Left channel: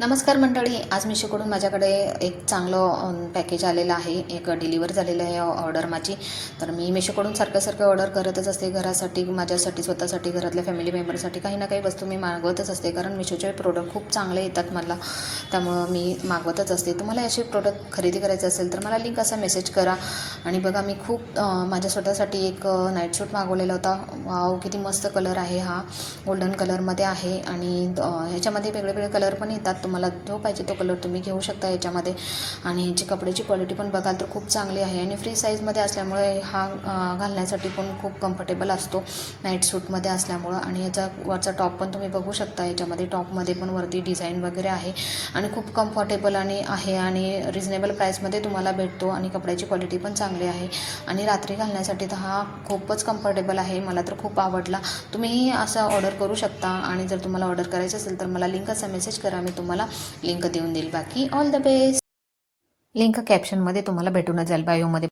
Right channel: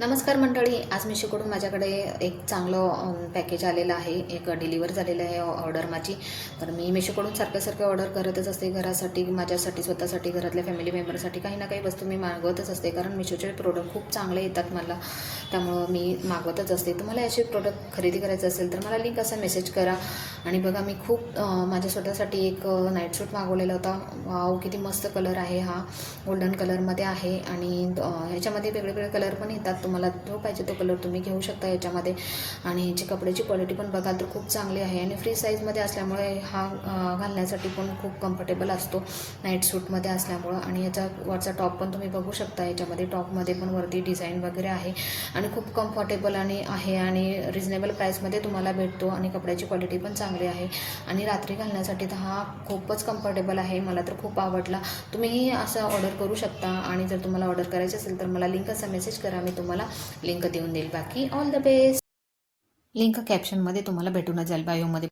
नमस्कार मंडळी, आज मीशोकडून माझ्याकडे एक चांगलं पॅकेज आलेलं आहे. एक डिलिव्हर झालेलं आहे ऑर्डर माझी. तर मी मीशोकडून सारखं ऑर्डर करतच असते. घरासाठी, माझ्यासाठी, स्वतःसाठी, घरातल्या फॅमिली मेंबरसाठी काही ना काही वस्तू मी मागवतच असते. कारण मीशोचे प्रोडक्ट खूप चांगले येतात मला, त्यामुळं मी मागवतच असते. तुम्हाला असे प्रोडक्ट खरेदी करायचे असेल तर मला लिंक असा मेसेज करा. आणि बघा, मी खूप माझ्या स्वतःसाठी एक नाईट सूट मागवलेला होता. वाव, किती मस्त कलर आहे हा. गोल्डन कलरमध्ये आहे आणि ह्याच्यामध्ये वेगवेगळे कलर पण येतात. तुम्हाला जो पाहिजे तो कलर तुम्ही घेऊ शकता याच्यामध्ये. आणि ह्याची कपड्याची क्वालिटी पण बघाल तर खूप चांगली आहे आणि फ्री साईजमध्ये असल्यामुळे हा घालण्यासाठी पण खूप कम्फर्टेबल असतो नाईट सूटमध्ये असल्यामुळं. आणि याचा वरचा टॉप पण तुम्ही बघू शकता. याच्यामध्ये टॉपमध्ये पण वरती डिझाईन वगैरे आहे आणि खूप कम्फर्टेबल आहे आणि रिजनेबल प्राईसमध्ये तुम्हाला भेटतो आणि कपड्याची क्वालिटी पण चांगली आहे. आणि रात्री घालण्यासाठी तर हा खूपच कम्फर्टेबल आहे. मला तर खूप आवडला. तुम्हीही असं ऑर्डर करू शकता. आणि जर तुम्हाला ऑर्डर करायचं असेल तर मला लिंकचा मेसेज करा, मी तुम्हाला लिंक देऊन देईल. बाकी ऑल द बेस्ट. लिंक कॅप्शनमध्ये तुम्हाला भेटूनच जाईल, बायोमध्ये.